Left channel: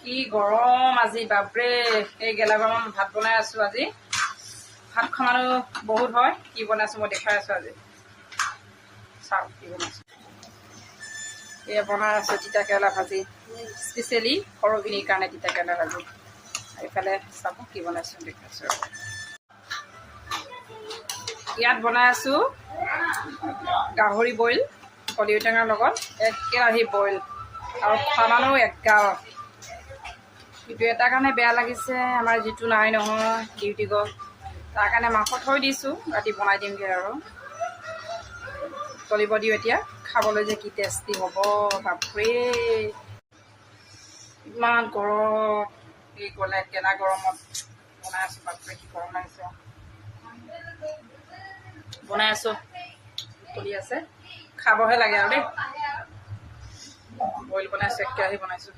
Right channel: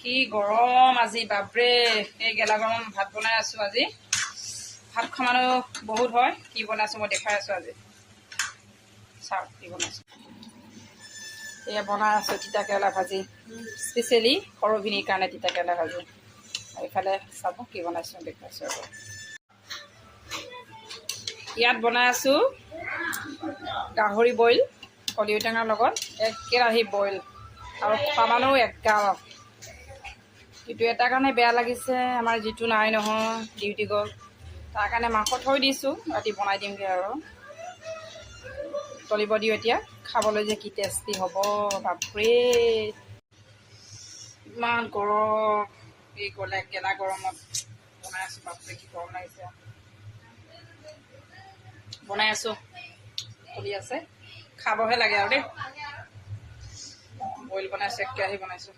কি গৰম আজি বাপৰে এই গেলা গৰম ভাত বনাই আছো আজি ভাত খামানো বহুত হয় কি বনাইছো মই দেখাই আছো আজি চাও কি বনাইছো এয়া বনাই আছো তিতা কেৰেলা ভাজি স্পেচিয়েলি সৰবিনীৰ কাৰণে তিতা কেৰেলা ভাজি এইফালে চাব কি বনাইছো দেখাইছো ইয়াত বনাই আছো গাহৰি বইল কলি ঔটেঙাৰ লগত এক কেৰাহী বইল আৰু খানানো একাল কিন্তু এটা কাৰণে বেয়া লাগিছে আমাৰ যিটো নাই নহয় ডিউটি গ'ল তাৰ কাৰণে মাংস থৈ দিছোঁ ৰাতি বনাই দিমগৈ আৰু তলিব দিওঁ এতিয়া খাবলৈ যে কি টেষ্টি হ'ব বাপৰে ইমান গৰম এই গেলা গৰমত বনাই আছোঁ বাপৰে কি গৰম লাগিছে বনাই আছোঁ চলি আছে খাবহে লাগে আৰু দেই বইল বনাইছোঁ এক কেৰাহী বনাইছোঁ